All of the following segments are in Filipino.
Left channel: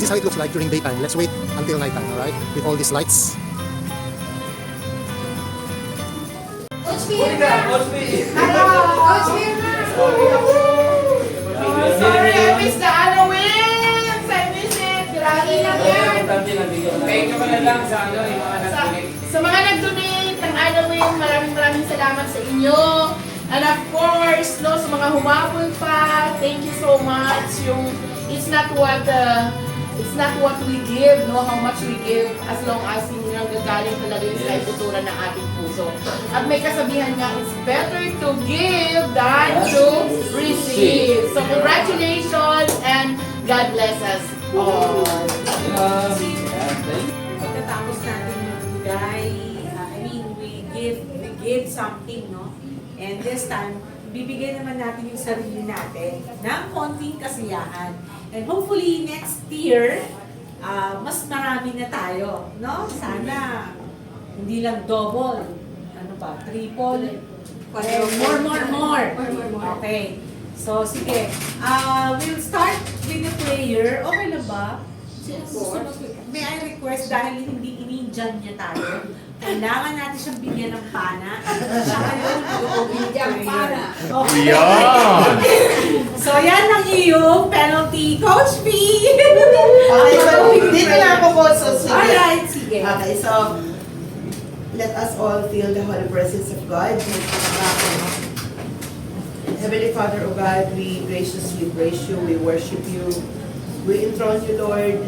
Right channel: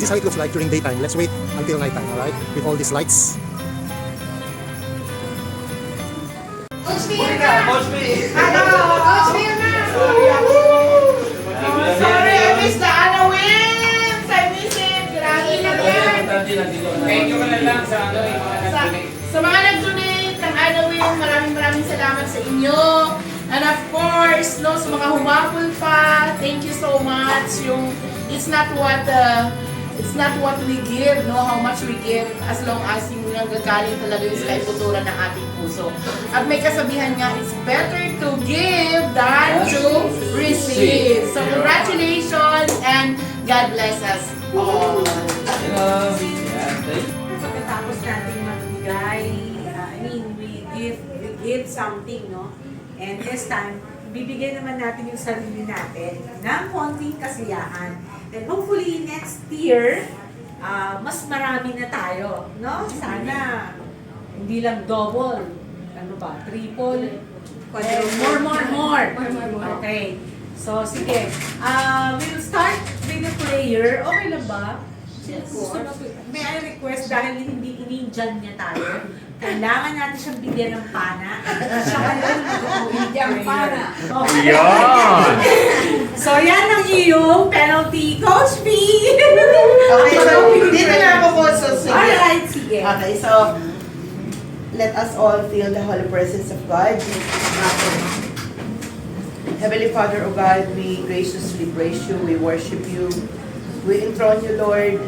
This is how it looks like during daytime. Let's wait until nighttime, alright? With all these lights. Coach Mira! Hello! Coach Mira! Sorry, I miss the Halloween! I miss it! Grabe naman! Thank you na lang sa yung mga Sa mga nag-donate ng Halloween, maraming salamat sa inyo. And of course, no, sa mga humapol pa, thank you so much. It's not what we give, no, how much we give, as long as yung gagaling talaga yung sa iputuran ng ating puso. At may kasabihan nga, it's better to give than to receive. So congratulations and God bless us all. Pagkatapos natin magbigay, we give something, no? And this time, bibigyan naman natin yung sarili natin ng konting kasiyahan. And hopefully, next year, mas marami na tayo, no? Sana, hindi lang double, triple, more. Okay. So, sige. We'll start with the prayer. Okay lang ba? May I request, dahil hindi in-Indian niya tayo, kailangan natin siyang bigyan ng pana. Bigyan ng pana. Okay. So, yan ang iyong penalty, Coach B. Okay, so dito na ako po susunod. Alright, sige. Okay, so let us all feel the holy presence of God. Heavenly Father, O God, we graciously praise you, we worship you, we enthrone you, Lord.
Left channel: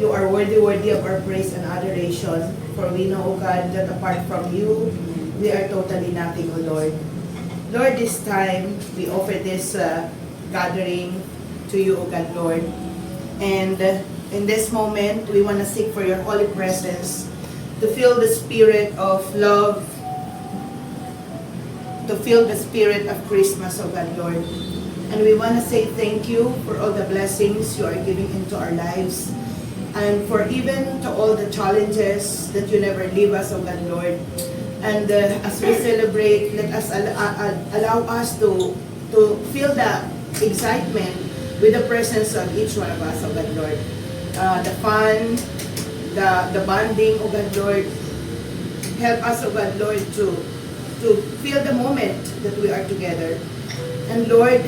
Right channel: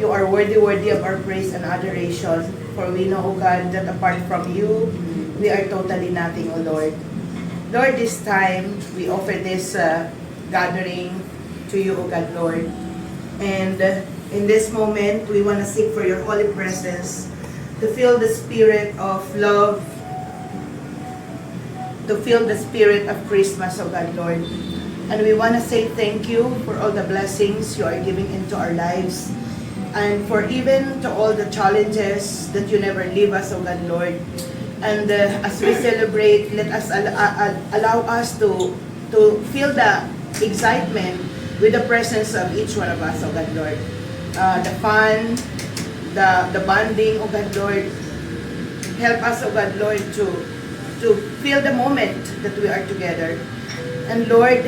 You are worthy of our praise and adoration. For we know, O God, that apart from you, we are totally nothing, O Lord. Lord, this time, we offer this gathering to you, O God, Lord. And in this moment, we want to seek for your holy presence, to feel the spirit of love, to feel the spirit of Christmas, O God, Lord. And we want to say thank you for all the blessings you are giving into our lives. And for even to all the challenges that you never leave us, O God, Lord. And as we celebrate, let us allow us to feel the excitement with the presence of each one of us, O God, Lord. The fun, the bonding, O God, Lord. Help us, O God, Lord, to feel the moment that we are together. And Lord,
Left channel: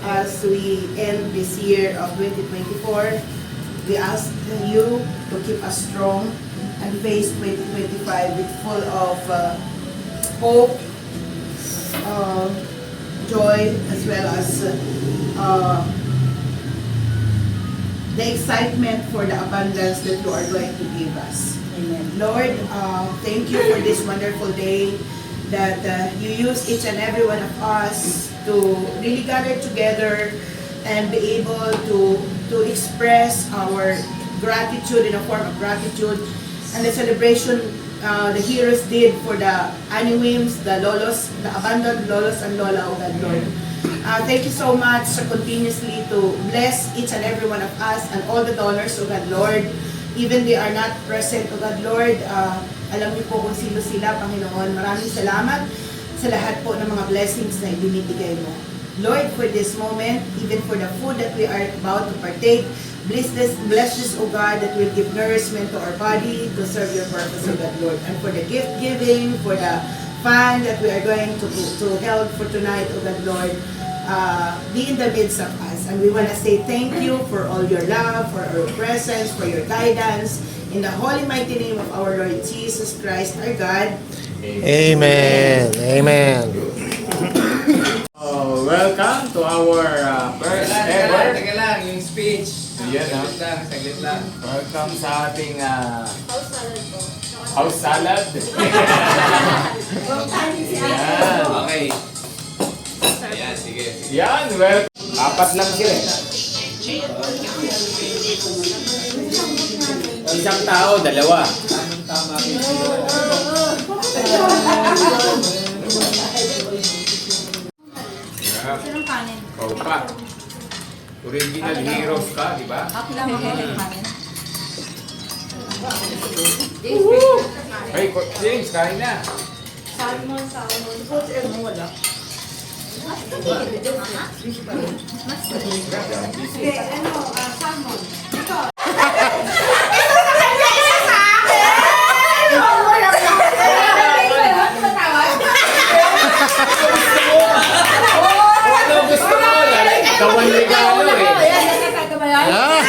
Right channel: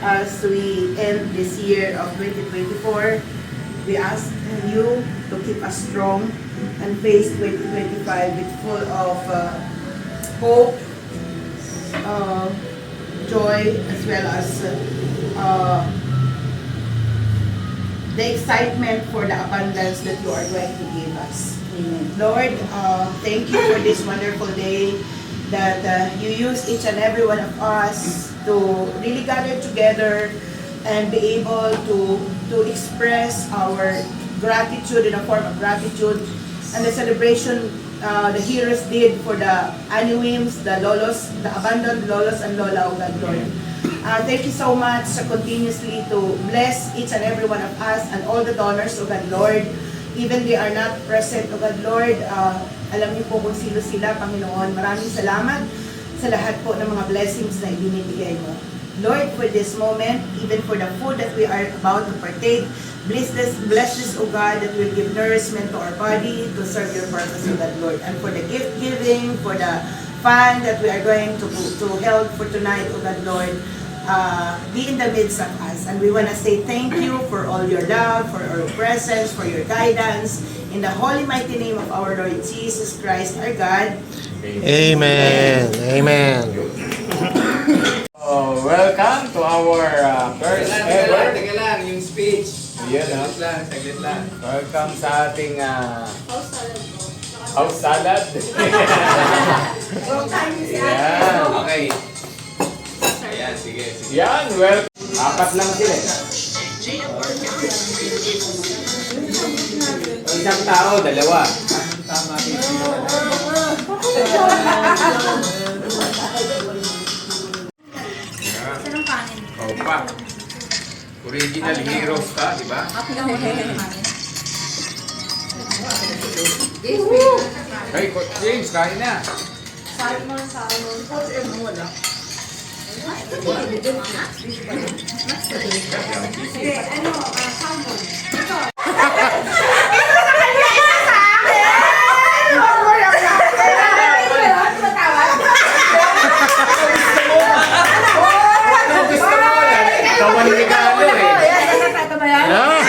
as we end this year of 2024, we ask you to keep us strong and face 2025 with full of hope, joy, as well as the excitement for the abundance that you are going to give us. Amen. Lord, thank you for this wonderful day that you use each and every one of us to really gather together and be able to express our gratitude in a form of gratitude. And the celebration the heroes did for the Aniwims, the Lolos, the abandoned Lolos and Lola, O God, Lord. Thank you so much continuously to bless each and every one of us and all the donors, O God, Lord. Even they are not present, O God, Lord. Alam niyo po kung sino sila, Panginoon. Maraming salamat sa lahat po ng mga blessings na ibinibigay mo. Lord, for this moment, even for the food that we are about to partake, bless this, O God, that will give nourishment to our body to serve your purpose, O God, Lord. And for the gift giving, for the fun that we are going to held for tonight, O God, Lord, be in the midst of us. And we want to say thank you for all your love, for your presence, for your guidance. In the holy mighty name of our Lord Jesus Christ, our God. Amen. Amen. Welcome to our first ever. Teka lang, yung speech. Yan, Saglit lang. welcome sa ating house salad. Yan. Okay. Ayan, sige. Yan, well. Apat lang sila. Isang tao, dalawa. Tama rin sila. Anong kanin? Oh, pa. Original heroes ka, di ba? Up lang ako ng kanin. Hey, James, kain na. Salmon. Wala. Sige, salmon. Ito. Ito sa kanya, isa sa akin! Ano gusto mo? Kawan ligaw eh. Ah!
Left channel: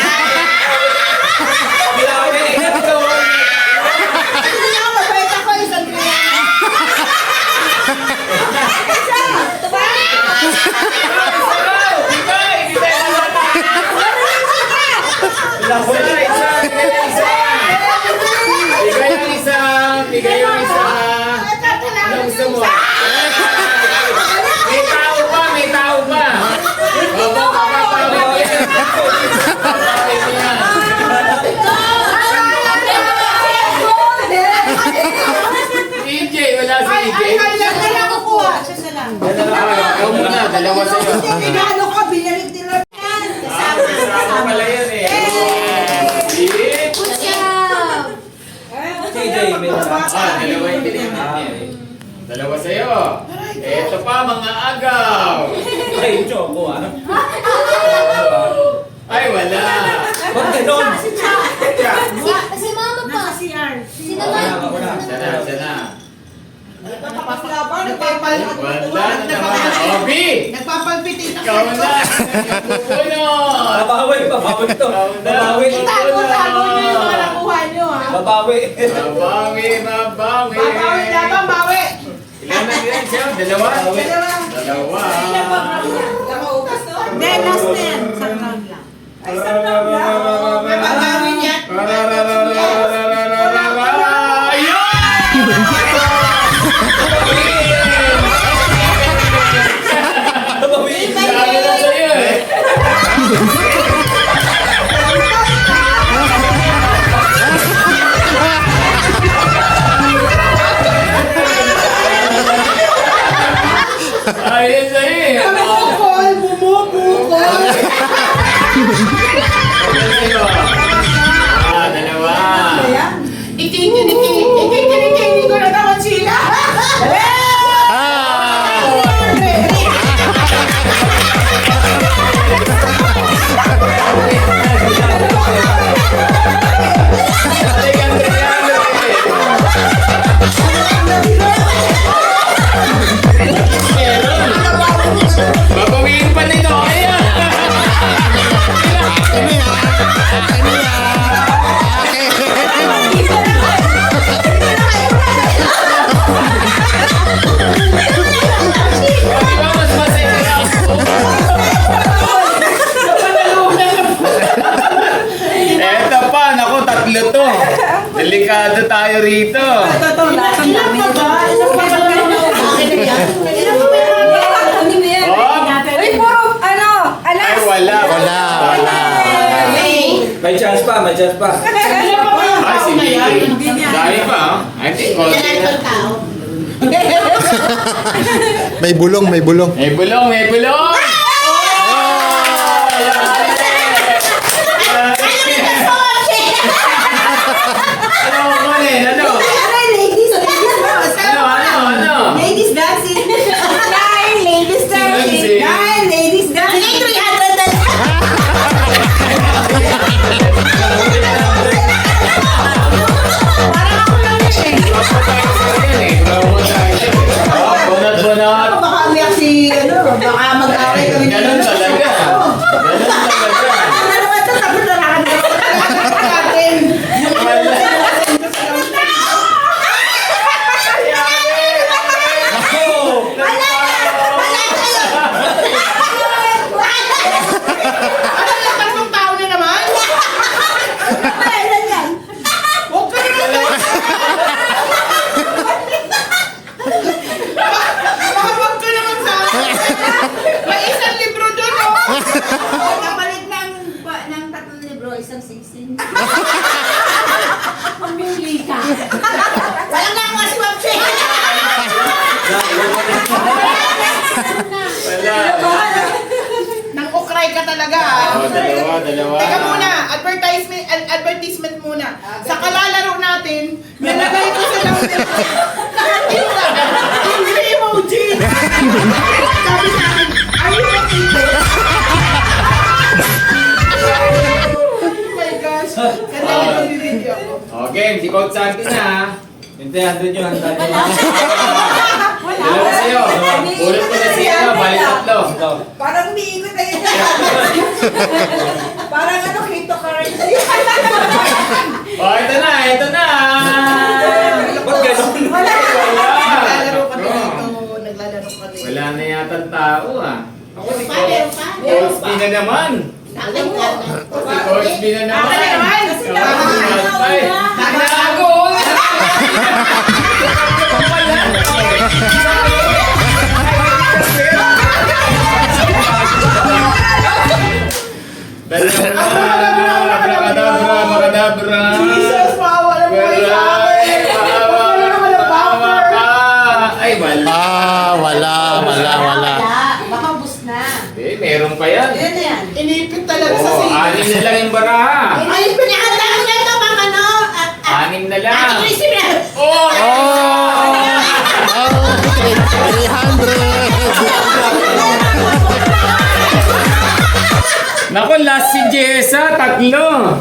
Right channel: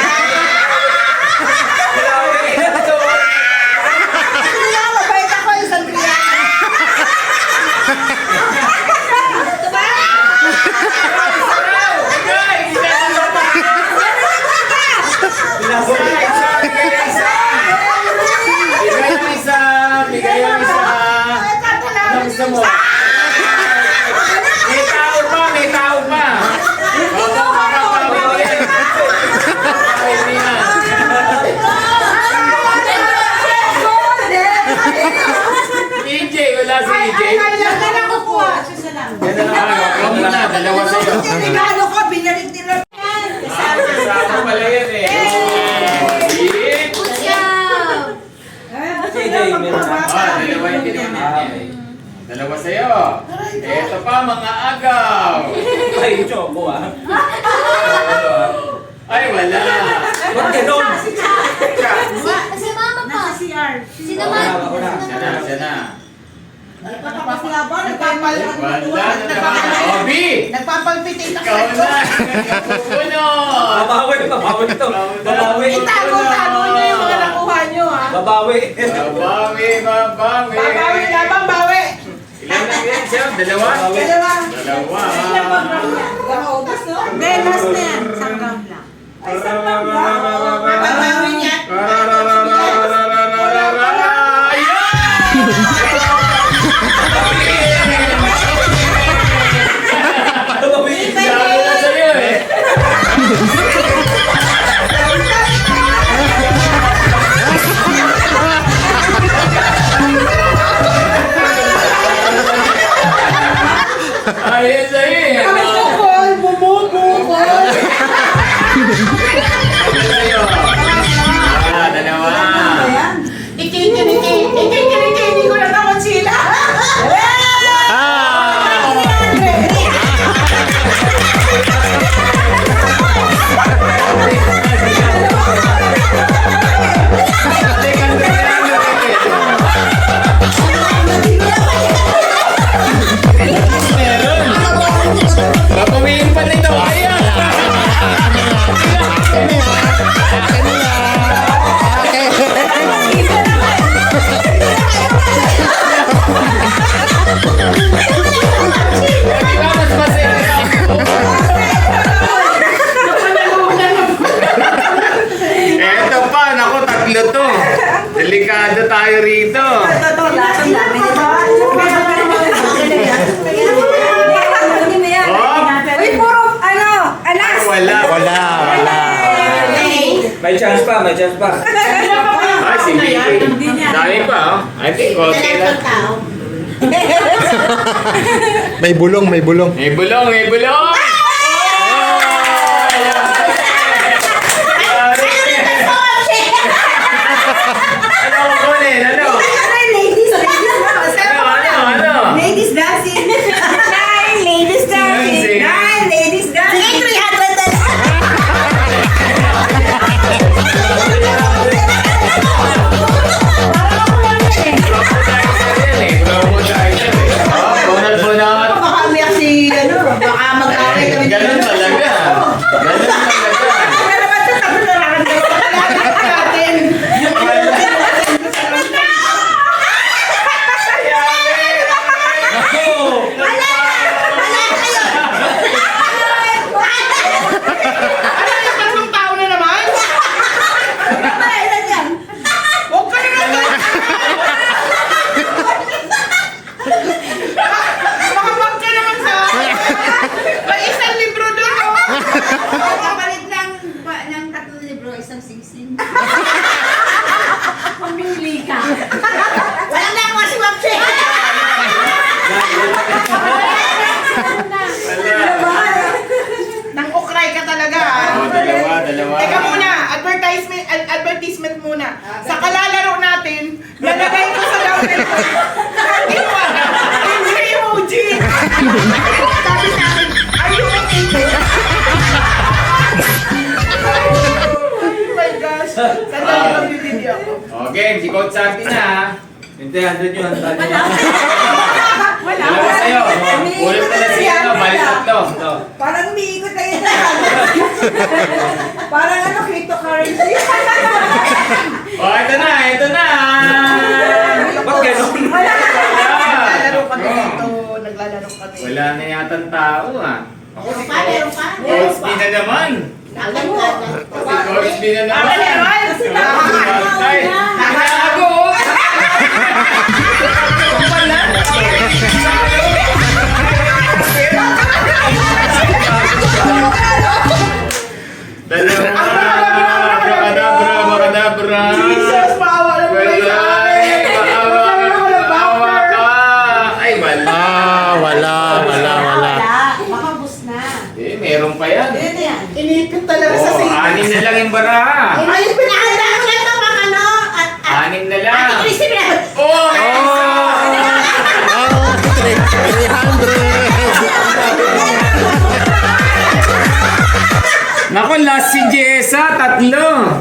Bigay yung isa. Ano gusto mo? May tao pa, may tao pa. EJ, wala si EJ. Ikaw muna, dalawa sa'yo. Ano ko, binyarig nila. Kasama pala yan eh. Dalawa yung binigyan natin. Dalawa sa'yo. Eto pa, mga agaw. Ay, choco ah. Ay, wala. Ba't ganon? Si mama pa. Nasa CR. Sinamahan. Siya na, siya na. Nagpapalpitate Wala na naman. Obi! Nagpapalpitate ako. Ikaw na. Pupunod. Babawi, babawi ito. Babawi. Itago-tago niyo yung mga nakuha niyo, ha? Babawi. Mabawi, mabawi. Babawi labang, bawi. Ilan na yan siya? Dalawa? Dalawa. Dalawa. Kamaubos, no? Menos na yan. Isang round lang. May pagbawi niya. Babawi. Sabi na sa'yo eh. Ayun sa'yo eh. Bumukol, bumubukol. Dalawa. Ikikini ko na naman sila. Ah! Babawiin pa nito. Ayan. Mas masaya. Eto pa, naku, tatlo to. Delikado tayo rito. Oh, ay wala. Wala, wala. May chance pa, may chance pa. Ay, sige. Dahil pa, oh. I think, konti na. May bulong, may bulong. May bulong, may bulong! Ano ko kunin? Ano? Ano? Ladies dancing. Nine ladies dancing. Dancing. Nine ladies dancing. 300. Bunot-bunot. Baka umiyak si, baka mag-away kami. Ganun talaga. Ganun talaga. Ano naman sa sabi na natin? Anong tao na naman? Huwag ka rin naman. Makapag ka naman sa akin. May isang libro doon, oh. Kapalit ng 3 libro, isang singsing. Pumili ka. Walang nakuha si Wapche. Nang ukray ka talaga, ah. Oh, dalawa. Teka muna, advertisement muna. Sa kalalaro natin, nalagay ko sa langit ko. Yung emoji. Sabi natin, are you okay? Okay, si Coach Santi na. Hindi, andun yun. Andun yun. Wala. Dalawa sa'yo. Ulit ko na siya. Balik tatlo. Ito. Parang umiikot na yan. Parang ano, cryptocurrency. Oh, ito na. Ito na. Ba't gano'n? Wala. Naglalaro kami Bro. dito. Naglalaro kami. Wala na yata ang tao ah. Ako si Meron pa. Coach B na naman. Alam ka na. Si Coach B na naman. Ako naman. Kasi Nakago. Abracadabra. Jesus, maawa na po kayo sa akin. Maawa ka. Ay, wala. Wala. Baka bus na. Eh, meron pa yan. Yan yan. Inipit talaga sa Oh, singit. anim na lang yung baraha. Ay, pinakanda ko na ito mga ano. Anim na lang. Ate Christine. Oh, Oh, 300. Naku, last si Jessa, tatlo.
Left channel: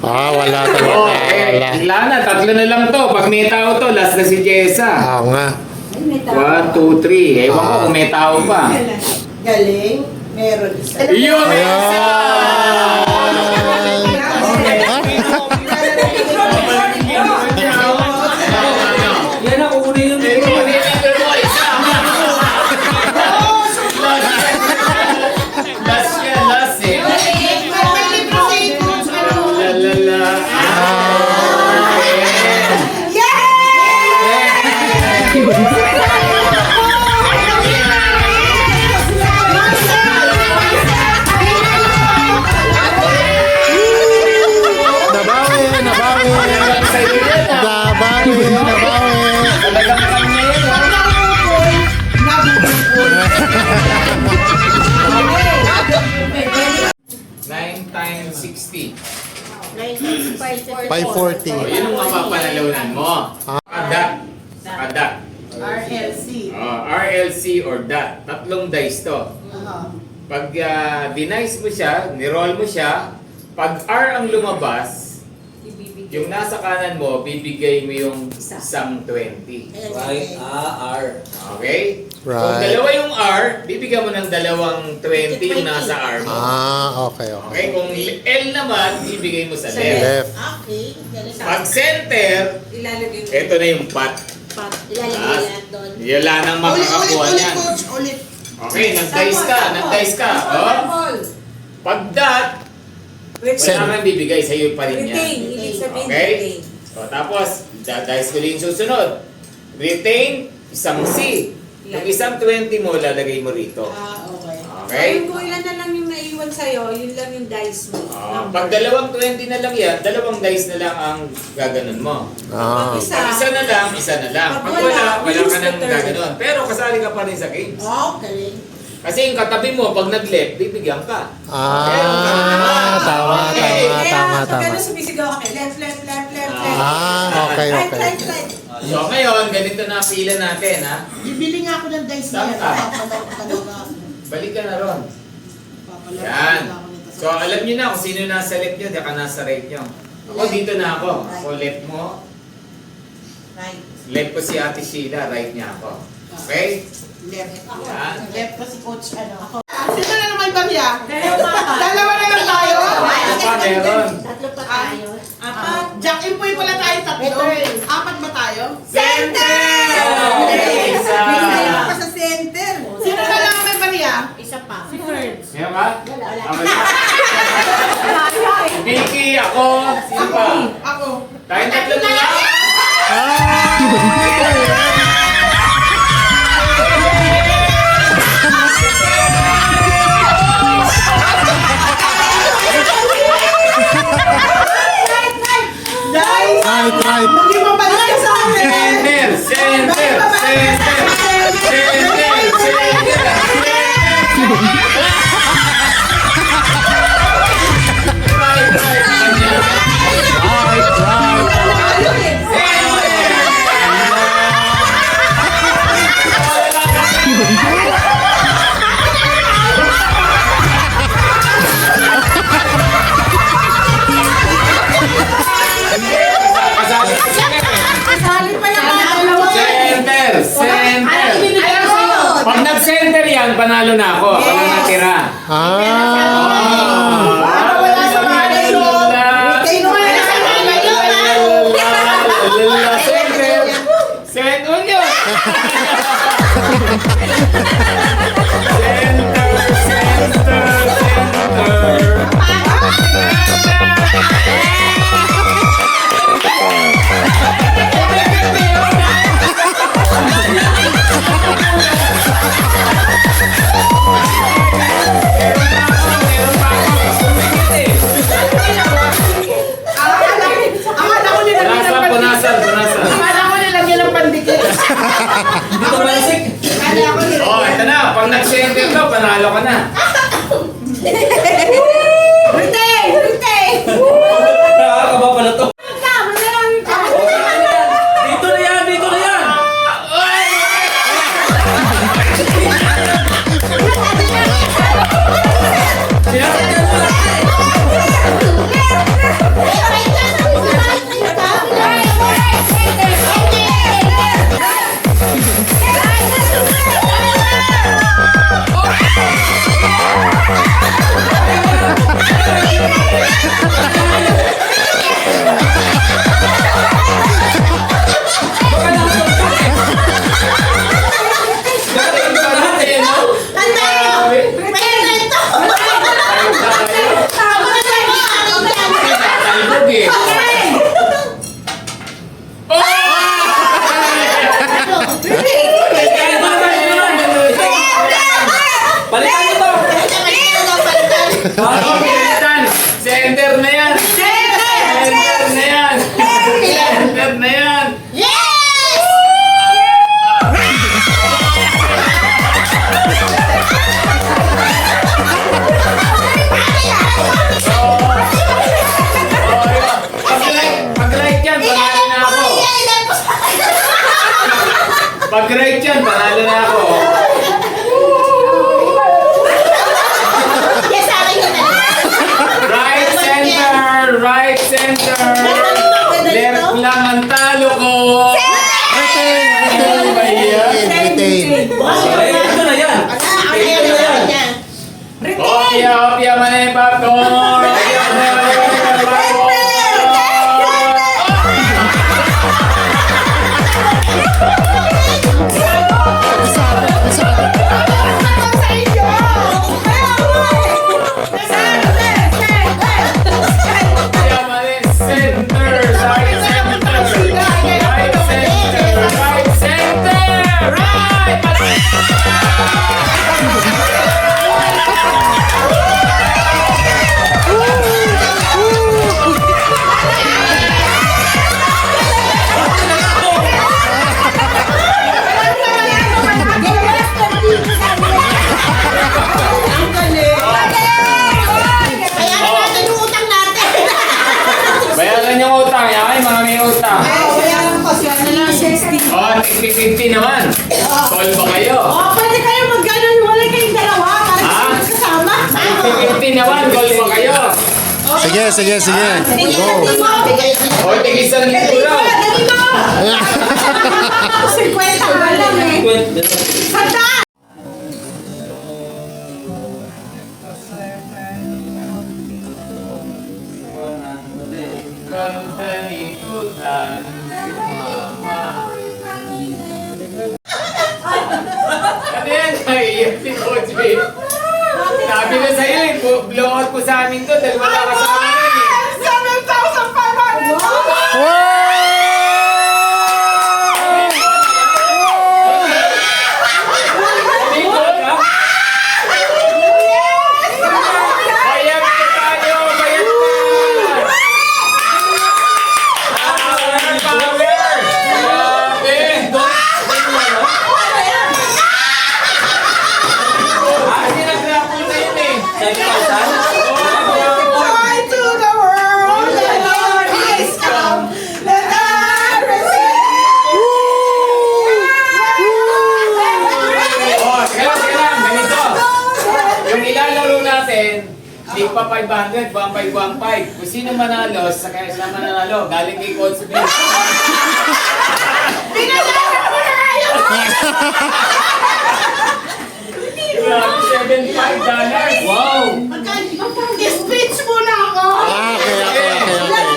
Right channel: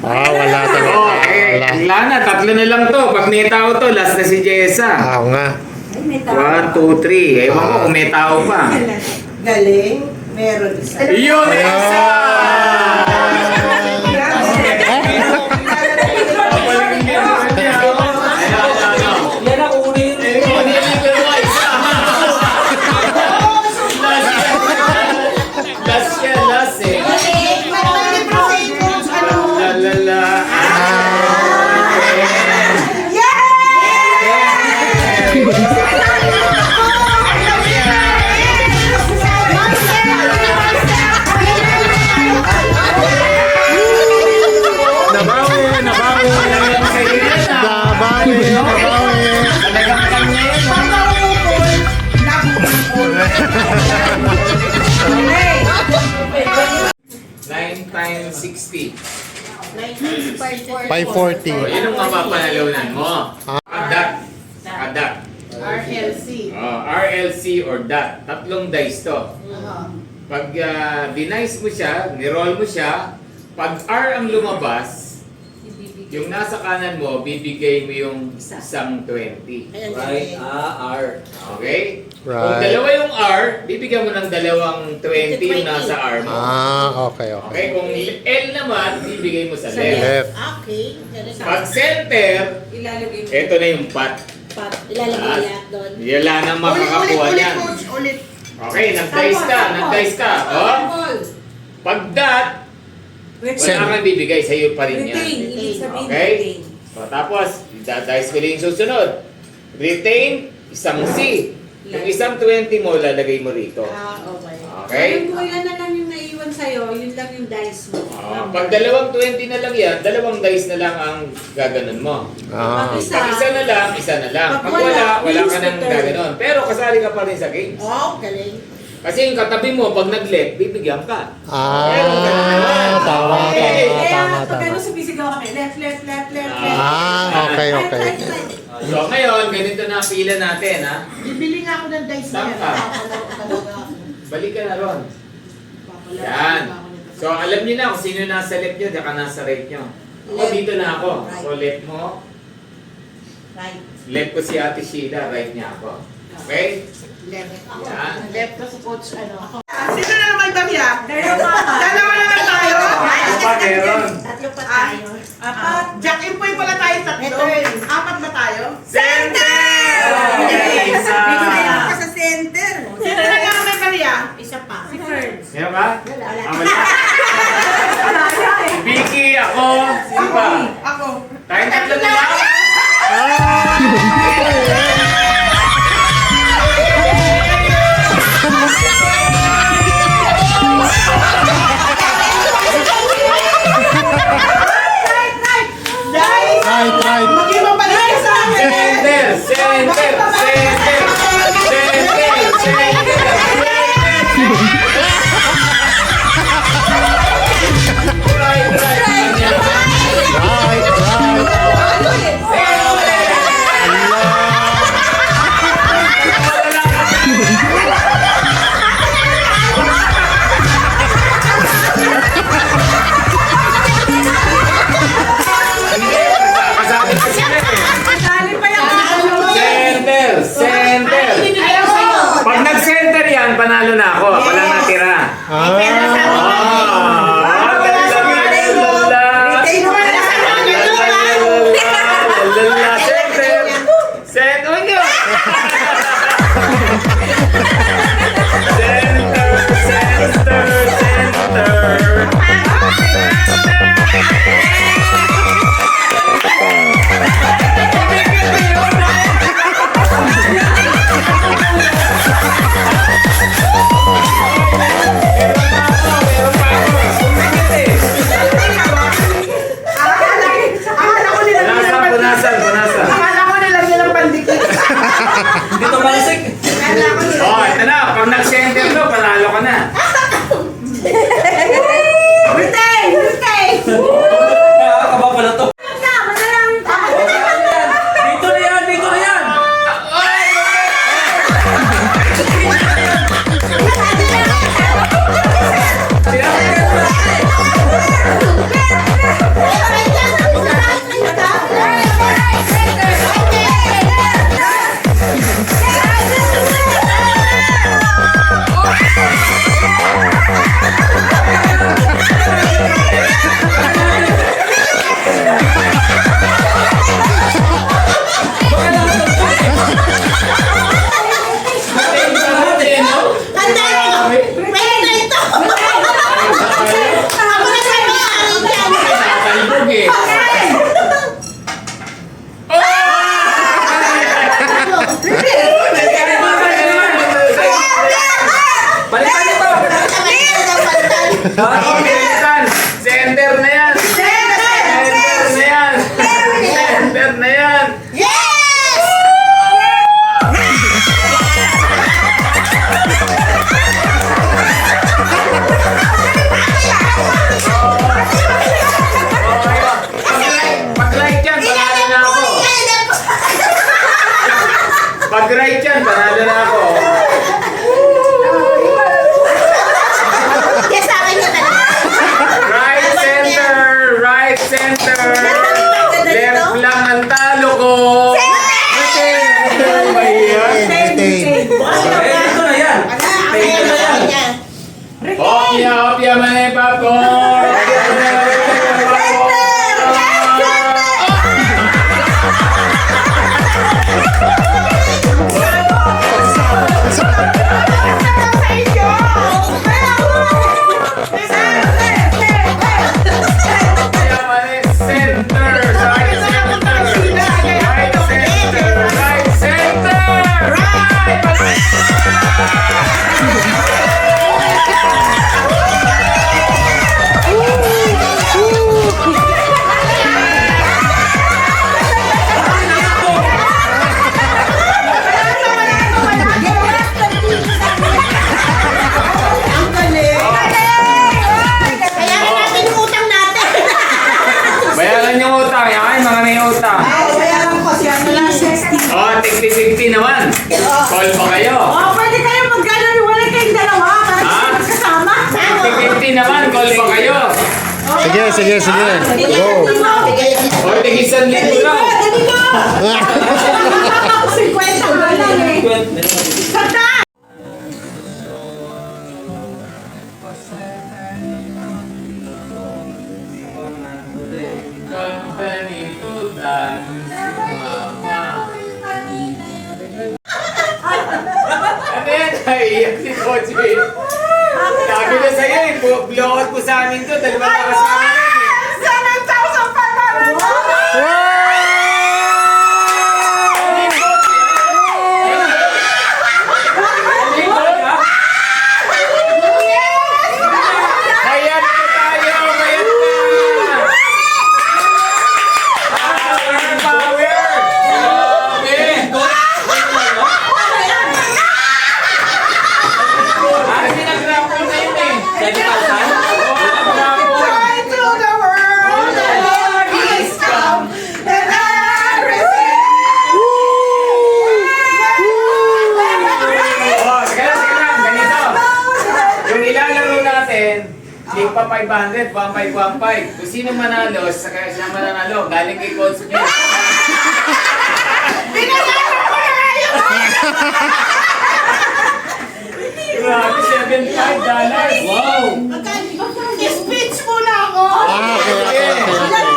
Wala talaga. Okay, wala na, tatlo na lang to. Pag may tao to, last na si Jessa. Oo nga. 1, 2, 3. Ewan ko kung may tao pa. Galing. Meron isa. Yun! Yan ang una yun. Last yan, last eh. La la la. Nabawi. Talagang kami. 9 times 60. 540. O, yun ang mapapanalunan mo. Adat. Adat. RLC. RLC or DAT. Tatlong dice to. Pag dinice mo siya, niroll mo siya, pag R ang lumabas, yung nasa kanan mo, bibigay mo yung isang 20. Right, R. Okay? Kung Right. dalawa yung R, bibigyan mo ng dalawang 20 yung nasa R mo. Okay. Okay? Kung L naman, bibigay mo sa left. Left. Okay. Pag center, Ilalagay mo. ito na yung pot. Ilalagay lahat doon. Wala nang makakakuha niyan. Ulit. Okay, nag-dice ka. Oh. Pag dot, wala kang bibigay, sa'yo pa rin Retain. yan. Ibig sabihin Okay? retain. O, tapos, dice ko rin yung susunod. Retain, isang C. Yung isang 20 mo, lalagay mo rito. Okay. Okay? Kung ilan na lang yung naiwan sa'yo, yun lang yung dice mo. Pag dalawang 20 na lang yan, dalawang dice na lang ang gaganon mo. Ah. Pag Pag isa na lang, isa na lang. Pag wala, wala ka nang gaganon. Pero kasali ka pa rin sa games. Okay. Kasi yung katabi mo, pag nag-left, bibigyan ka. Meron ka na naman. Tama. Kaya, pag ano sumisigaw kami, left. Okay. Right. So ngayon, ganito na ang pila natin, ha? Bibili nga ako ng dice Saan niya. ka? Balik ka na ron. Yan. So alam niyo na kung sino nasa left niyo, saka nasa right niyo. Ako dito na ako. So left mo, Right. left ko si Ate Sheila, right niya ako. Okay? Left. Yan. Left kasi coach ano. Sino na naman ba niya? Dalawa. Dalawa na lang tayo. Ito pa meron. Tatlo pa tayo. Apat. Jack and Poy pala tayo tatlo. Apat ba tayo? Center! Isa! Dalawa pa sa center. Sino na lang naman ba niya? Isa pa. Meron ba? Wala. Vicky, ako, sino ba? Ako. Tayong tatlo na lang. Guys, Right. maging mabalik ka sa akin. Center! Right. center yan, panalo na ako. Ako lang natira. Center. Send unyo. Center. Punasan. Akala ko nilagyan ng pandikit. Oh, ito na. Pag nag-center to, panalo ka na. Talbog eh. Center na yan. Center na yan. Pag-right yan, panalo na ako. Pag-right yan, panalo na ako. Right center. Left lang ang talo ko. Opya, manay popcorn. Bayaran yung utang, yan mga may utang. Oh, tig-50 naman. Call pa kayo. Pwede kayo magkano wala kayong dalawa para kasama. Tig-50 naman, call pa kayo. Sige. Go. O, tig-1,000 raw. Dali mo! 50 lang eh. Sanda! Company utang. Ano yan? Naiiyak si Coach B. Sabi na sa'yo eh, blowout ko sa amin to, dahil wala ka sa amin eh. Bayad ka tayo, bayad ka! Power! Grabe! Nag-raffle na yun eh. 7,000? Hindi pa 500, 1,515. Kung sino manalo, saka siya mananalo, galing kay Coach B. Binalaran ko na kayo! $75. Wow! Speech muna ako!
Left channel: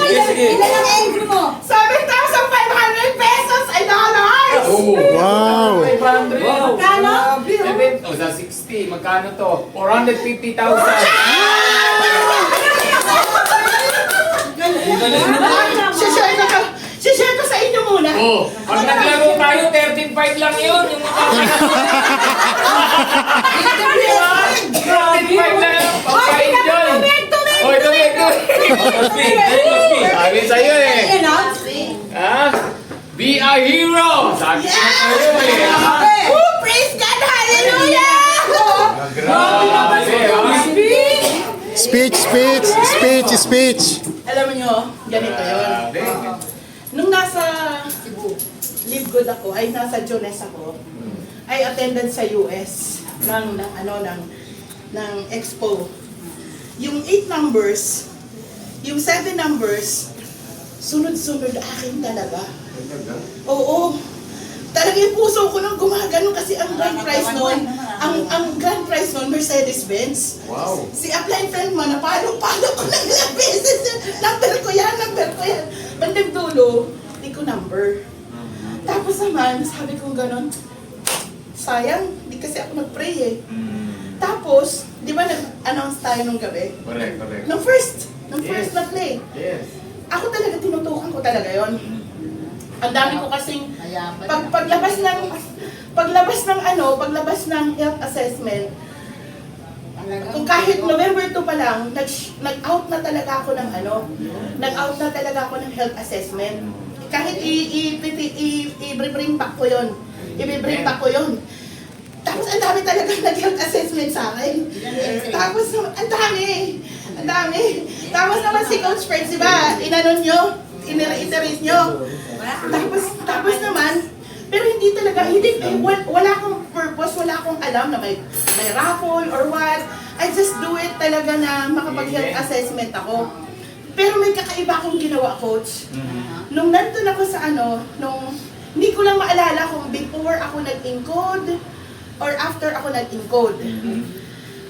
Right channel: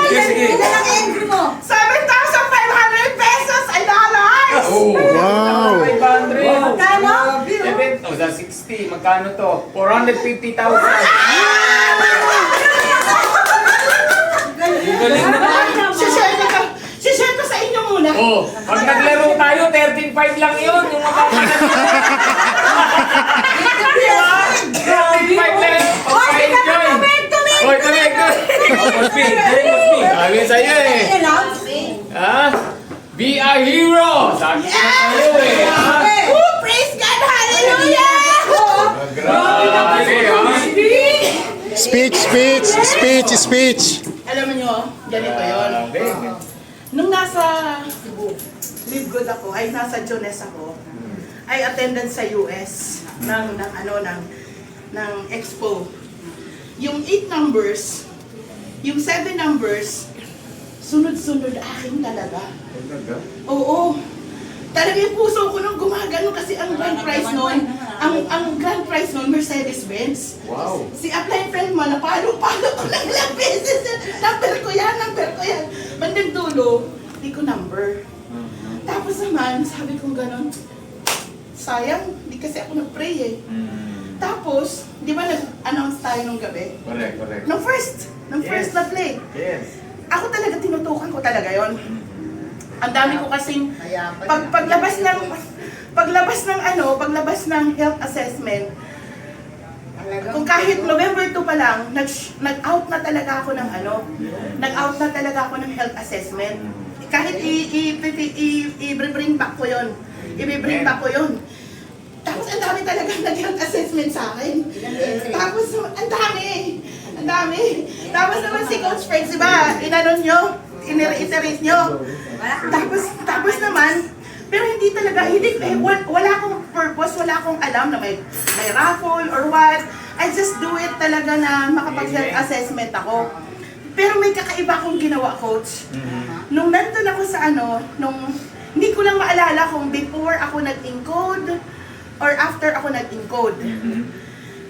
Sige, sige. Ilan ang entry mo? 7,500 pesos ay dollars! Wow! 500. Magkano? O, sa 60. Magkano to? 450,000. Share ko sa inyo muna. Oh, pag naglaro tayo, 13.5 lang yun. Yung makakasal. 13.5 lang yun. Pagka-enjoy. Oy, tumig. Sabi sa'yo eh. Ha? Be a hero! Sabi ko na sa'yo eh. ha? Oh, praise God! Hallelujah! Grabe, ha? Speech. Alam nyo, ganito yon. Grabe. Nung nasa Live Good ako, ay nasa Jones ako, ay attended sa US ng expo. Yung 8 numbers, yung 7 numbers, sunod-sunod akin talaga. Oo. Talaga yung puso ko nung gumagano kasi ang grand prize noon, ang grand prize noon, Mercedes-Benz. Wow. Si Upline friend mo, napalo-palo ko ng ilang beses. Number ko yan. Bandang dulo, hindi ko number. Tapos naman, sabi kong ganon, sayang, di kasi ako nag-pray eh. Tapos, di ba nag-announce tayo nung gabi? Correct. Nung first na play. Yes. Ako talaga, tinutukan ko talaga yon. Ang dami ko kasing, paglabas ng health assessment, kung kahit November 2 pa lang, nag-out na talaga ako ng health assessment. Kahit i-bring back ko yun. Tapos ang dami talaga nag-health assessment sa akin. Tapos ang dami. Tapos naman si Coach Fred, di ba? Inanon nyo, iterate nyo. Tapos naman, pero hindi talaga, wala akong purpose, wala akong alam na may raffle or what. I just do it talaga na makapag-health assessment ako. Pero may kakaiba akong ginawa, Coach. Nung nandun ako sa hindi ko lang maalala kung before ako nag-encode or after ako nag-encode.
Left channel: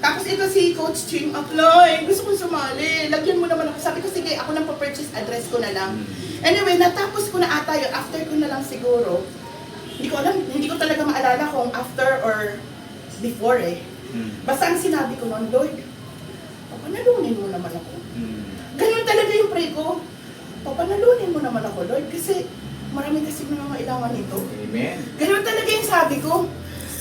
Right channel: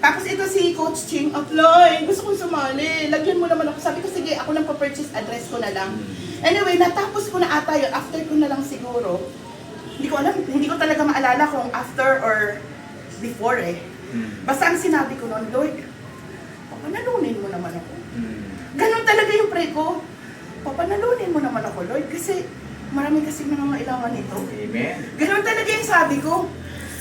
Tapos ito si Coach Ching, Uploy, gusto kong sumali. Lagyan mo naman ako. Sabi ko, sige, ako nang pa-purchase address ko na lang. Anyway, natapos ko na ata yun. After ko na lang siguro. Hindi ko alam, hindi ko talaga maalala kung after or before eh. Basta ang sinabi ko noon, Lord, papanalunin mo naman ako. Ganun talaga yung pray ko. Papanalunin mo naman ako, Lord, kasi marami kasi mga mailangan nito. Amen. Ganun talaga yung sabi ko.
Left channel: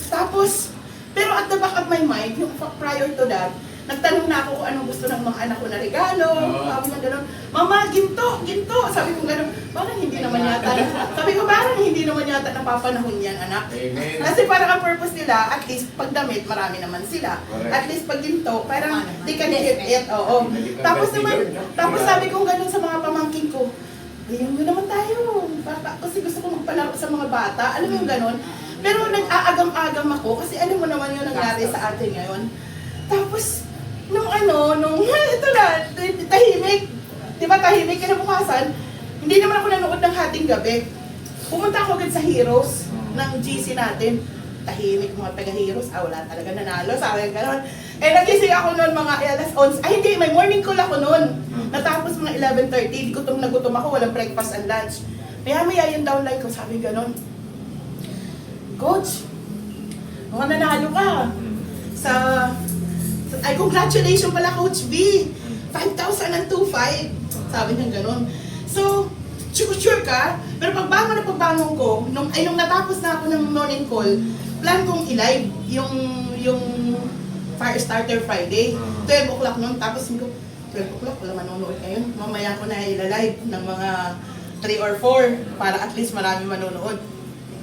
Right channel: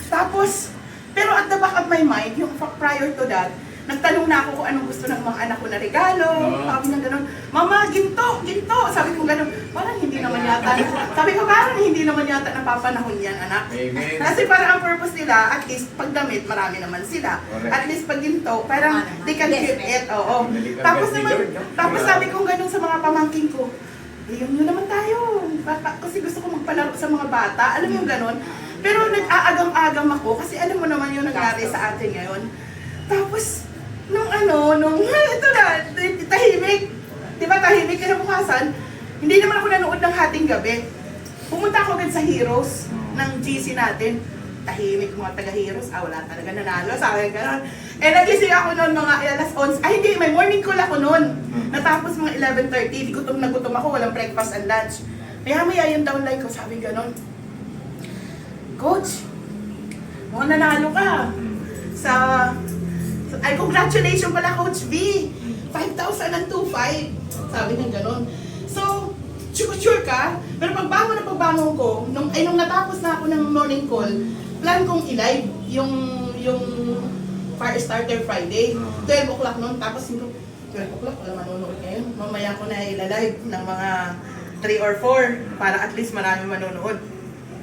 Tapos, pero at the back of my mind, yung prior to that, nagtanong na ako kung anong gusto ng mga anak ko na regalo. Sabi na gano'n, Mama, ginto. Sabi ko gano'n, parang hindi naman yata napapanahon yan, anak. Amen. Kasi parang ang purpose nila, at least pag damit, marami naman sila. Correct. At least pag ginto, parang they can give it. Oo. Tapos sabi ko gano'n sa mga pamangkin ko, ayun nyo naman tayo. Kasi gusto ko magpalaro sa mga bata. Alam mo yung gano'n? Pero nag-aagam-agam ako kasi alam mo naman yung nangyari sa atin ngayon. Tapos, nung ito na, tahimik. Diba tahimik kinabukasan? Hindi naman ako nanood ng Hating Gabi. Pumunta ako agad sa Heroes ng GC natin. Tahimik mga taga-Heroes. Wala talaga nanalo. Sabi gano'n. Nagising ako noon mga alas 11. Hindi, may morning call ako noon. Natapos mga 11:30. Gutom na gutom ako. Walang breakfast and lunch. Maya yung downline ko. Sabi gano'n, Coach, mukhang nanalo ka. Ay, congratulations pala, Coach B. 5,002.5. Sabi niya gano'n. So, sure ka? Pero pagbangon ko, nung natapos na ako ng morning call, plan kong i-live yung Fire Starter Friday. 12 o'clock noon. Tapos 12 o'clock, wala manonood ngayon. Mamaya ko na i-live ng mga 3 or 4 para at least marami manonood.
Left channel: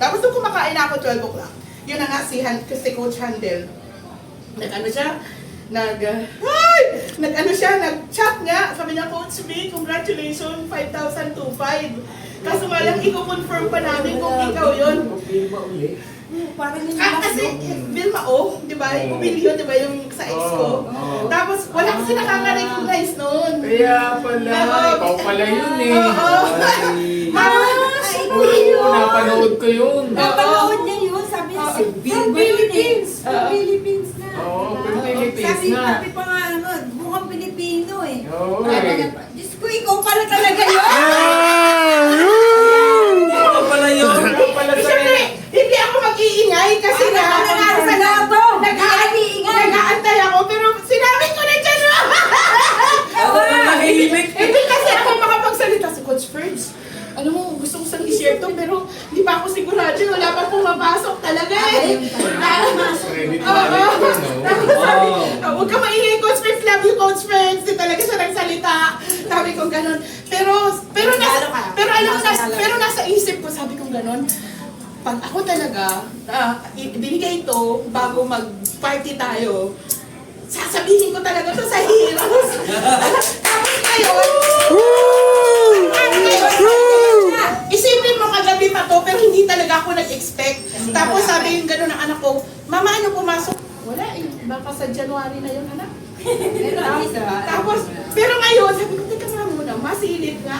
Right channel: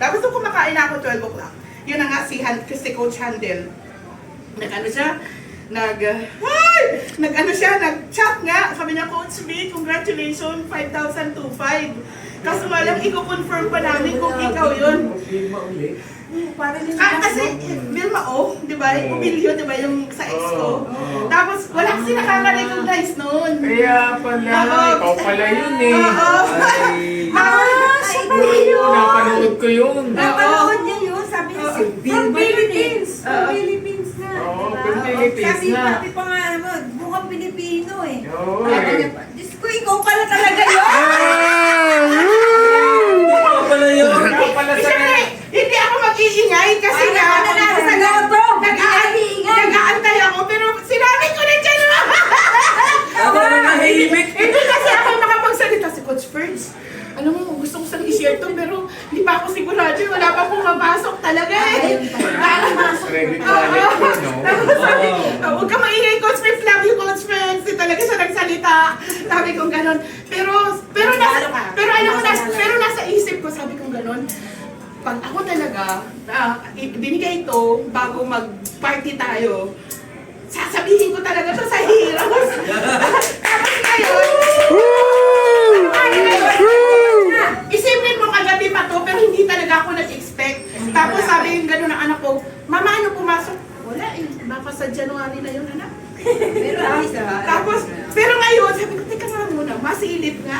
Tapos nung kumakain ako 12 o'clock, yun na nga si Coach Handel. Nag-chat nga. Sabi niya, Coach B, congratulations, 5,002.5. Kaso malang i-confirm pa namin kung ikaw yun. Kasi Vilma di ba? Umilyo, di ba, yung sa ex ko. Tapos wala kasi nakaka-recognize noon. Kaya pala, ikaw pala yun eh. Napanood ko yun. Napanood niya yun, sabi niya si Philippines. Philippines na. Oo, pero tiis na. Sabi pa nga naman, mukhang Pilipino eh. Oo Sabi eh. niya pa, Diyos ko, ikaw pala talaga yun. Ikaw pala sa Siyempre, hindi ako mag-iingay kasi Ano ka na lang sa loto? nag-aantay ako, pero sinabi ko na dyan. Ako ang nahihimik. Hindi kasi ako makapagsalita si Coach Ferds. Alam mo, gusto ko sang i-share to, pero hindi pa ako sigurado. Wala pa akong mapasok talaga eh. Credit Oo. namin ko, no? Tapos sabi, huwag ka maingay, Coach Ferds. Love you, Coach Ferds. Hindi talaga siya nagsalita. Sabi kong ganon. Pero nasa isip ko, sabi kong ganon. Pag ako talaga, binigay ito bago mag-party tayo, sasabihin ko talaga to sa Heroes. Tapos ngayon, isipin mo kagabi pa to, pero hindi talaga ako nag-expect. Tapos sabi yung gano'n ng anak ko, Mama, ano pumasok? Wala eh, baka sa January na yun, anak. Tapos, pero ngayon, sabi ko, teka nga muna, masilip nga.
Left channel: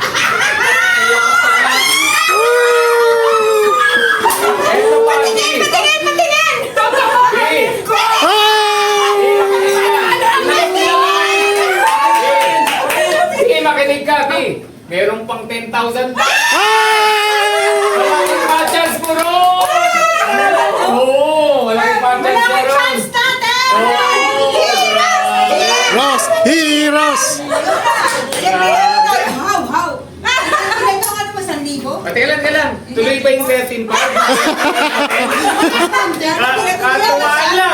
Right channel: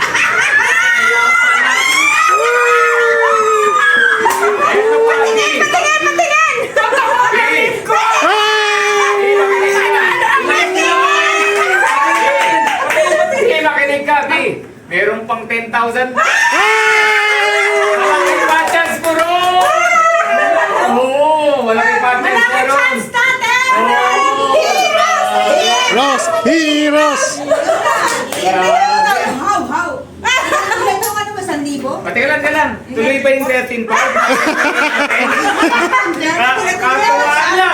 Eto pa, Totoo, believe ko! Sige, makinig ka, Bi. Merong pang 10,000 ba? Malaking pa-chance ko ron! Oo, malaking pa-chance ko ron. Heroes! Heroes! How? Ilan yung ano ba, 1,000? Patilan ka lang. Tuloy ba yung 13 pa? Katuwaan lang.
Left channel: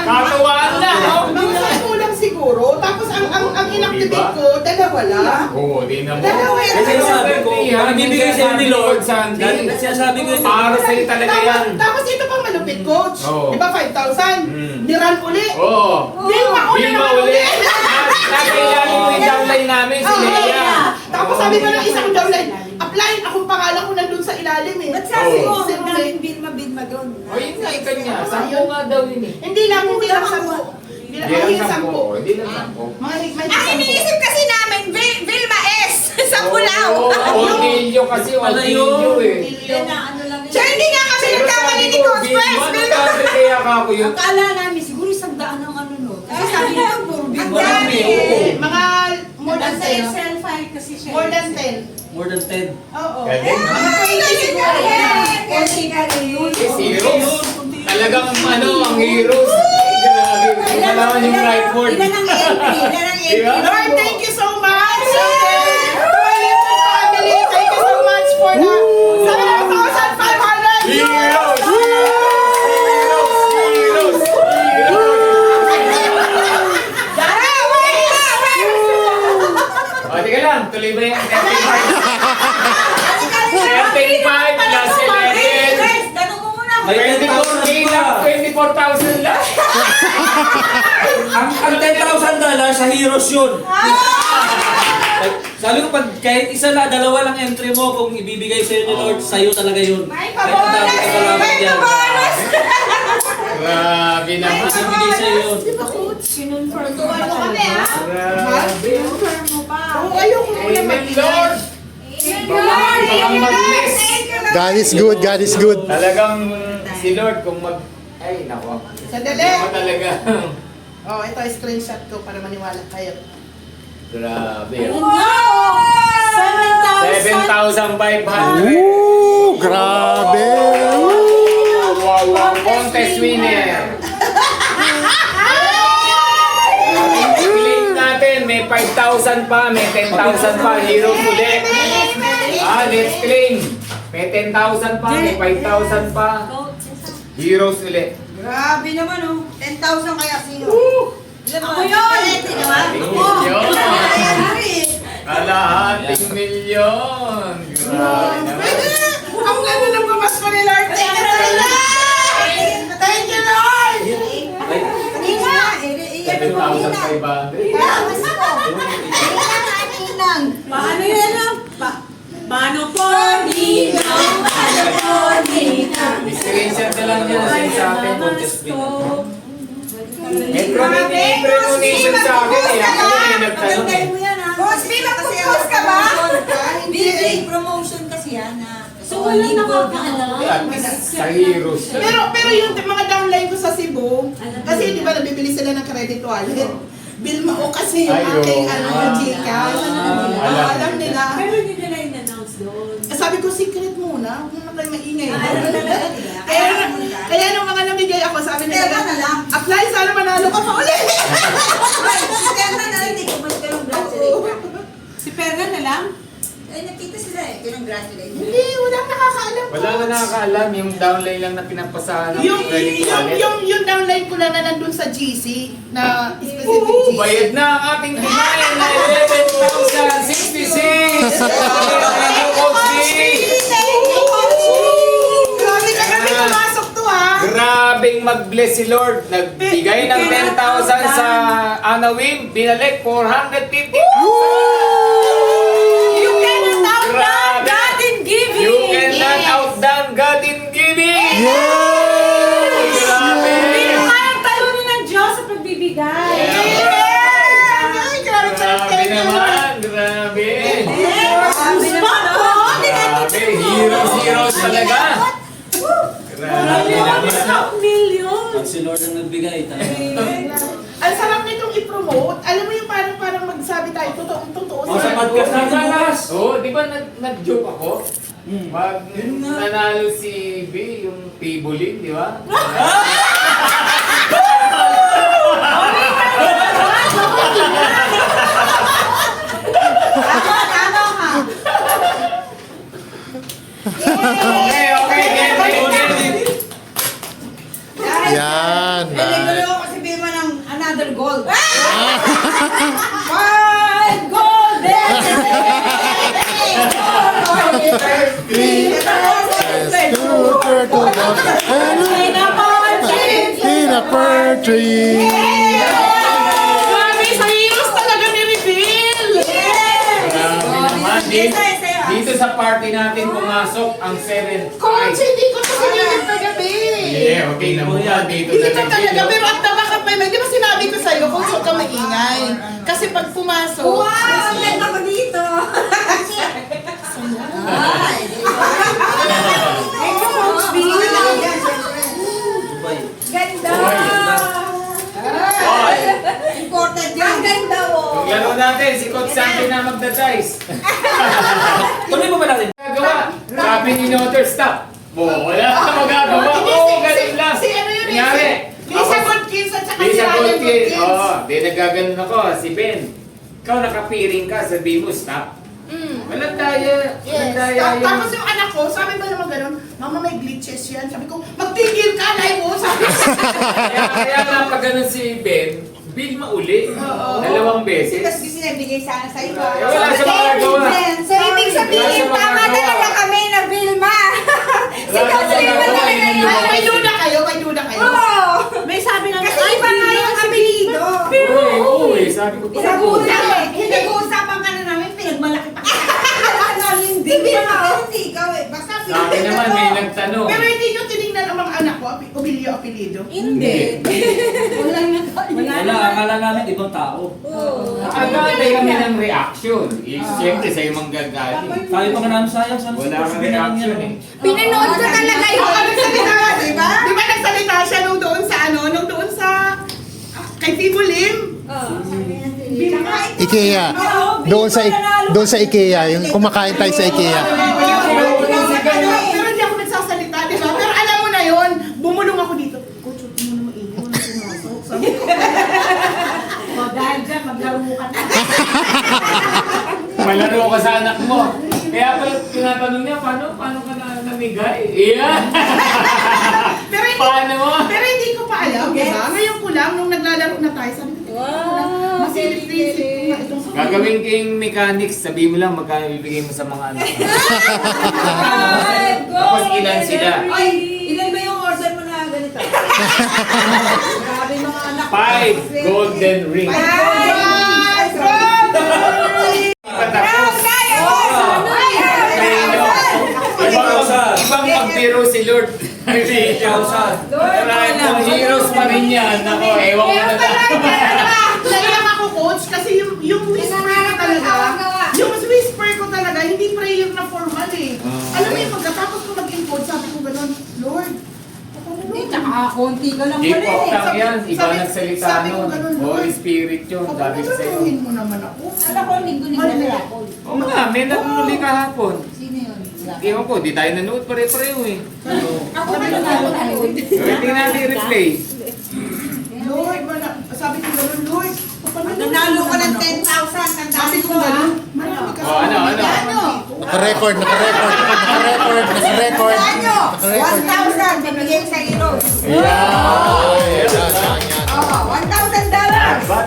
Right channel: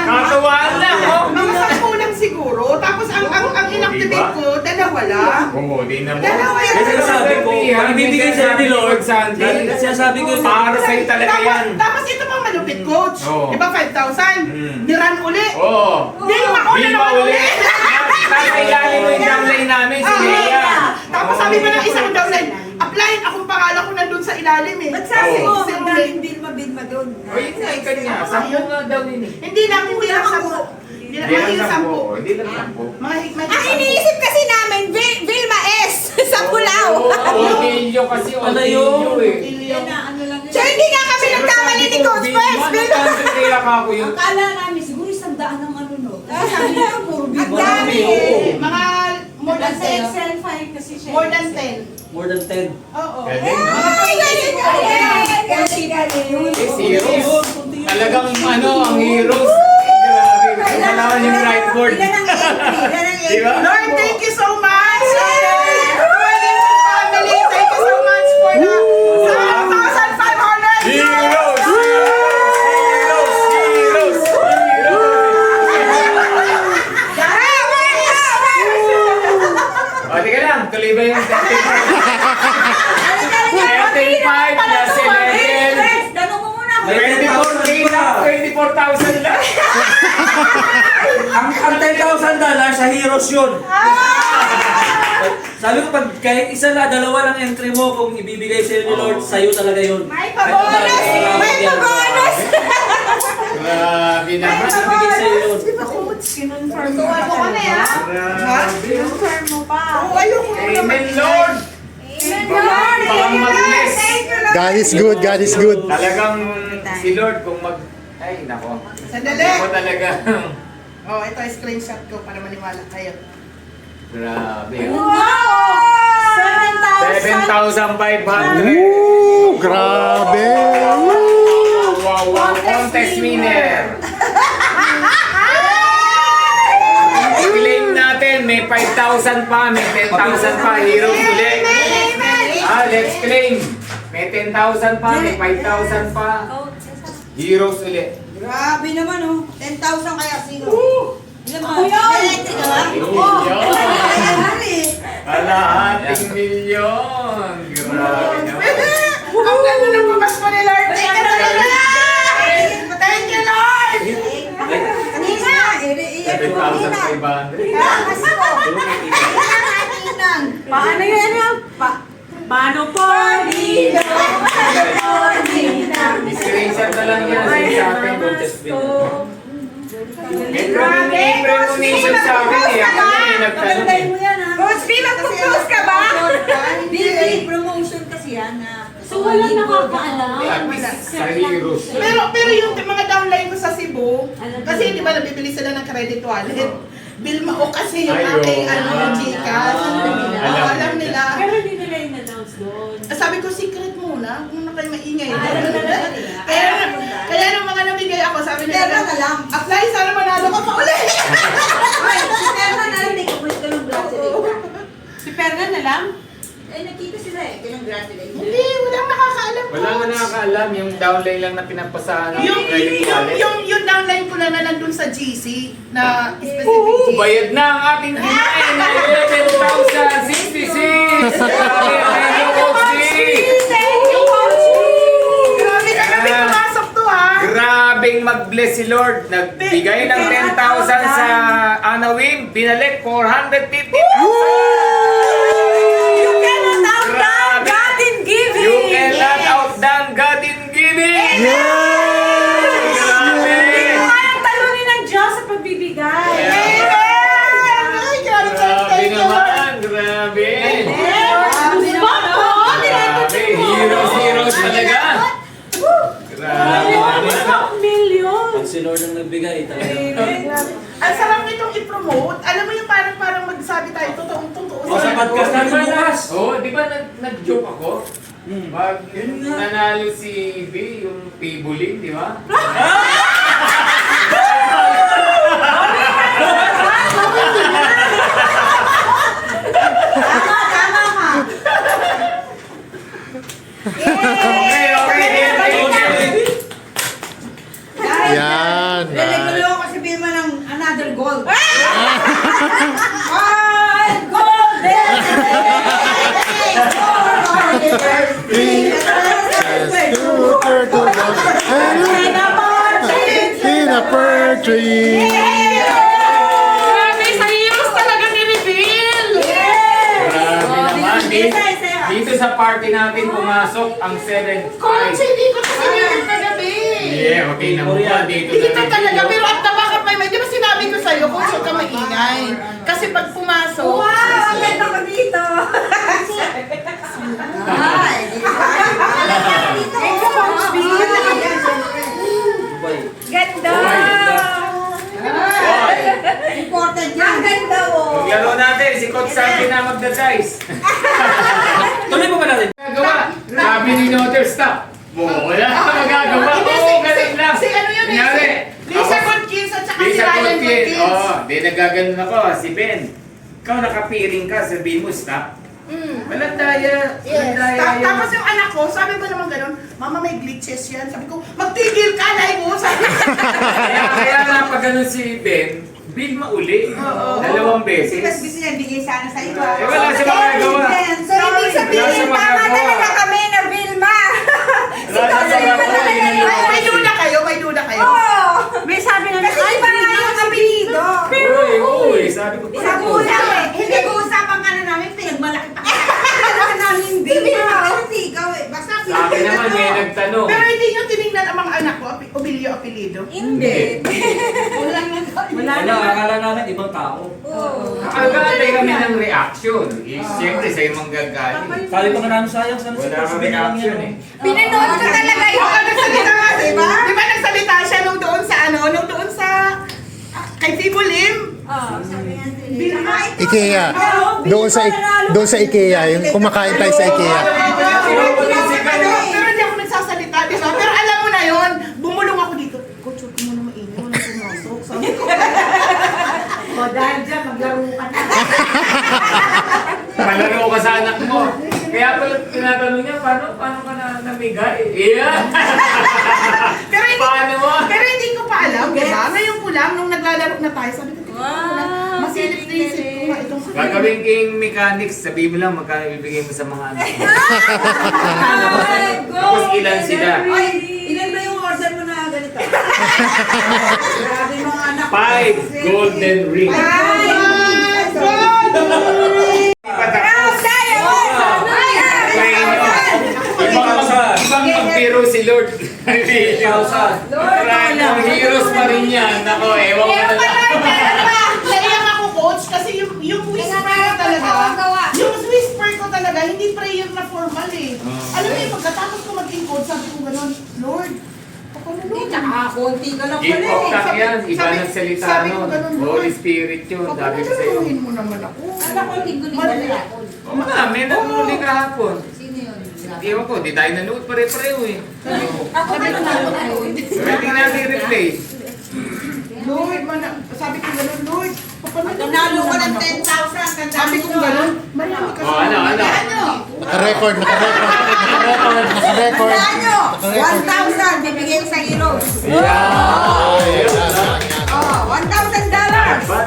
Katuwaan lang. Mga 10 lang siguro. Tapos ang inactivate ko, dalawa lang. Oo, di naman. Dalawa yan. Kasi sabi ko, ang bibigay sa'yo ni Lord, Sandy. kasi sabi ko, Para sa'yo talaga yan. Tapos ito pang malupit, Coach. Oo. Di ba 5,000? Niran uli. Oo. Vilma, una Vilma naman uli. uli. Nakayali mo yung downline namin, si Lea. Tapos sabi pa ng isang downline, apply, akong pangalan ko nandun sa ilalim eh. Ba't sabi Oo. mo, ang daming Vilma doon? O yun nga, ikan niya. 10 nga daw yun eh. Hindi lang 10. Hindi lang 10. Hindi lang 10. Mga higmay Ang iniisip kasi namin, Vilma S. sa Pulao. Orgilyo kasi, Ano orgilyo yun? eh. Yan na, ano lang yun. So hindi nga kami nagkamali ni Coach Friends. Kaya ka ako yun. Akala namin, siguro 100 ang ano no. Kasi sabi niya, puro Vilma. Marami, oo. Mga more than Nasa 10. Excel file kasi siya. More than 10. more than 10. Oo. Pwede na. Mga 20 siguro. Kasi yun. Heroes. Talagang ano, ang heroes. Grabe. Malaman yung right word. Ilan ang entry? Diba? Lord, thank you so much. To our little family, thank you so much for the 7,500 Heroes! euros. Heroes! Heroes! O, teka lang. Tuloy ba yung 13,500 plus 11? Tanong mo muna. May 24K lang. 24,000 lang. Ang $10,000 sa Heroes yun. Sabi ko, pag kahit isa na, dalawa lang entry mo, kung ibibigay sa'yo ni Lord, sa'yo talaga yun. May Kahit ang dami pabonas! kasalamat May yan. pabonas! Grabe naman. Ibibigay sa'yo yun. Di ba, Coach? Sinunfirm mo Tuwan mo kami, ha? Grabe. Confirm mo pa. Oo, ayoko muna Amen, Lord. Lord! Baka mag-bless. Thank you, Lord. God is good, God is good. Talagang si Lord kung mag... Ay, nako. Sandali. Ako talaga. Oh, ito screenshot ko para maniwala kayo. Grabe. Wow! 7,500. Woo! Grabe! Woo! Wow, wow. Contest winner. I-claim natin. May 5,000 pa. May 10,000 pa. Heroes ulit. Let's claim. May 10,000 pa. May 5,000 pa. Heroes ulit. Grabe naman, oh. 10,000 kaya sino? Ako yun! Kalahating milyon. Grabe naman. Pwede! Ang ganda ng pamasko ni Lord. Thank you, Lord! Thank you, Lord! Kanina, 7,500. Paano yan? Paano po, Ninong? Paano po, Ninang? Screenshot na lang yan. Sa akin, contest winner. May premonition sa akin eh. Ako may nagtanong eh. Boss, B, magpo-post ka ba? Big promotion kasi yan, ha? So, walang nakakaalam. At least sa heroes. Pero yung mga downline ko sa Cebu, ko. Kasi di ba nabibili sila ng credit wallet? Bilmao kasi yung Ay, aking oo. Gcash. Alam nila. Pero hindi nila in-announce doon. Sabi ko, secret muna. Huwag na kayo maingay. Talaga? Kaya nung mga namigay ako, sabi nila, Kaya na lang. apply, sana manalo ka pa ulit. Si Perna na lang, hindi ko mas congratulate. Si Perna na lang? Eh, nakita sila eh, congratulate. Hindi, walang nakakaalam ko. Wala nga nakakaalam, yung downline lang na pinagpasahan ng credit wallet. Yung downline ko lang na nandun sa GC, na specific Oo, GC. bayad na ang ating kinain na 11,066! Grabe, Grabe ka kami pumasok to, ha? Grabing mag-bless si Lord. Nagbigay ng 10,000 sa Anawin, binalik 450,000! Grabe! God in giving! You cannot outdone God in giving! Yes! Grabe! Kayang talunin ng Diyos sa pagbibigay. Ay, grabe ka. Grabe naman! Grabe! Grabe! Heroes talaga! Grabe naman! Million! Pag si Lord ang nagbigay, talaga. Ang sarap nitong i-promote. Alam mo yung parang magsabi tayo, totoo. O, sa podcast natin bukas. Oo, di ba nag-joke ako? Pag Yun nga. nanalo si B, yung Pibulin, di ba? Tama ka. Okay. Yan, Naligulo nice. ko si Vilma ng another gold. Five golden! Super to the in a pear tree. Grabe, sa heroes talaga ni Reveal! Grabe naman. Dito sa party natin pumasok ang 7 Coach, hindi ko to sinilip kagabi. Yeah, okay na muna dito Hindi sa ka talaga, pero ang taba ka pa. Di ba sinabi ko sa'yo, coach, huwag ka maingay. Kasi pag pumasok, Wow, ang ganda ko dito. Ay, ito, Coach B. Dubai. Ganda. Hoy! Important yan. Ang ganda mo. Maglaro natin, si Coach Santi na magda-dice. Tuloy pa ba natin? Magagawa. Sabi ni Notter, stop. Wala ka magagawa. Oo, ganun lang. Si ano yun, Kunyari, Lisa ako- Goldkins at saka si Lisa Ryan Goldkins. Goldkins. Oo, di nagaganon ako. Si Ben. Ikaw nakapiring ka, sabi mo, stop. Walang daya. Walang Yes. daya yan. Tapos yung anak ko, sabi ba naman ganun, Mama, may glitches yan. Sabi ko, magtigil ka na mo. Sabi ko, Kaya nga pag ganun si Ben, big mauli. Dalawang beses. Tapos gusto niya bigay sana sa iba. Eh, wala siya magagawa. So, ibig sabihin, Wala siya tama magagawa. talaga kami na Vilma. Wala siya magagawa. Yun ang ay, may duda kayo, may duda kayo. Oo. May sabi na Kasi iba nga yung apelido. Oo, sabi ko. Nag-uusap eh. Nag-uusapan ka na namin, pinagmalaki pa ka. Pinagmalaki namin Vilma. Pero hindi ikaw eh. Basta Sa akin naman, may nagtanong. Pero hindi nyo tinignan ang mga anak ko, Obilio apelido. Hindi. Wala na Wala, akala namin ibang tao. Nakagantay kami ng reaction. Siyempre, sa'yo mong gagaling. Sabi pa nga namin sayang, sana Wala kang sabihin na lang reaction yan. eh. Pinanood ka talaga yung Nagsalita ka, di ba? Di ba nagsalita siya nung doon sa nung doon sa, kay Fibo Lim? IKEA. Doon sa IKEA, yung kumakain tayo sa IKEA. Pero hindi ako nagsasalita, di ba? Pero alam mo na yon, bumulong ako dito. Coach, huwag mo naman ingay, huwag pumasok. Sabi ko, O dahil dyan, maglaro ka na. Malaro ka sa anak mo. Kaya pala tinatanong niya, paano ka na namigay? Yeah. pero hindi, Paano mo? pero hindi ko pa alam, di ba? Ngayon ko lang, nung naglalaro na tayo, sabi ko, masilip-silip ko nga itong Gagawin king mechanics, sabihin mo lang magkano ibibigay mo sa mga anak mo. Tapos ilan sila? Ay, ilan ba yung order mo na ganito? Grabe mga anak. 5 golden rings. Ibang magbiro si Lord. Maraming heroes pa rin yan. Ako, ewan ko na lang. Naiyak ako, coach, kasi yung whisper ko talaga, yung whisper ko talaga, hindi prayer na formal eh. Alam mo yung pagkatapos ko mag-encode, sabi ko gano'n, Lord, Hindi, konti ka lang Gift pala of eh. tongue yan. Iba sabi- nagsalita sabi ko nun. ganun, Holy Lord. Spirit yun. Sabi ko sa'yo. Pagkakaluhin mo naman ako. At ako, linggo-linggo na ako. Oo nga, may nagmuli kahapon. Sino yun? Ewan ko, di tayo nanood pare-pareho eh. Ako na nanonood. Pwede natin i-replay. Lord, sabi ko ganun, Lord. Nanalo ka ng 10,000. Sabi ko ganun, marami kasi. Oh, ano? Naka-record. Tandaan nyo, 1,000 bibigay sa ilo. Yan. Oh, $1,000. Not bad.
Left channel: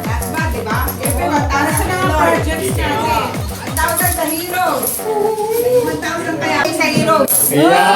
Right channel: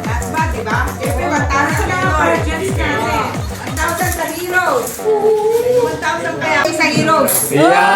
That's bad, diba? Siyempre, 1,000 sa Lord. 1,000 sa heroes. 1,000 kaya sa heroes. Yan.